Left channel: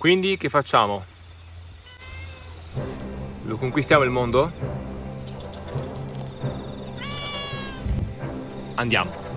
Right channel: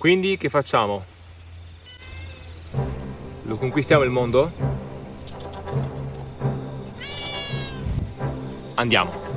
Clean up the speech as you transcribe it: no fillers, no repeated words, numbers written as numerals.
Quindi che facciamo? Lo conquistiamo il mondo? Andiamo.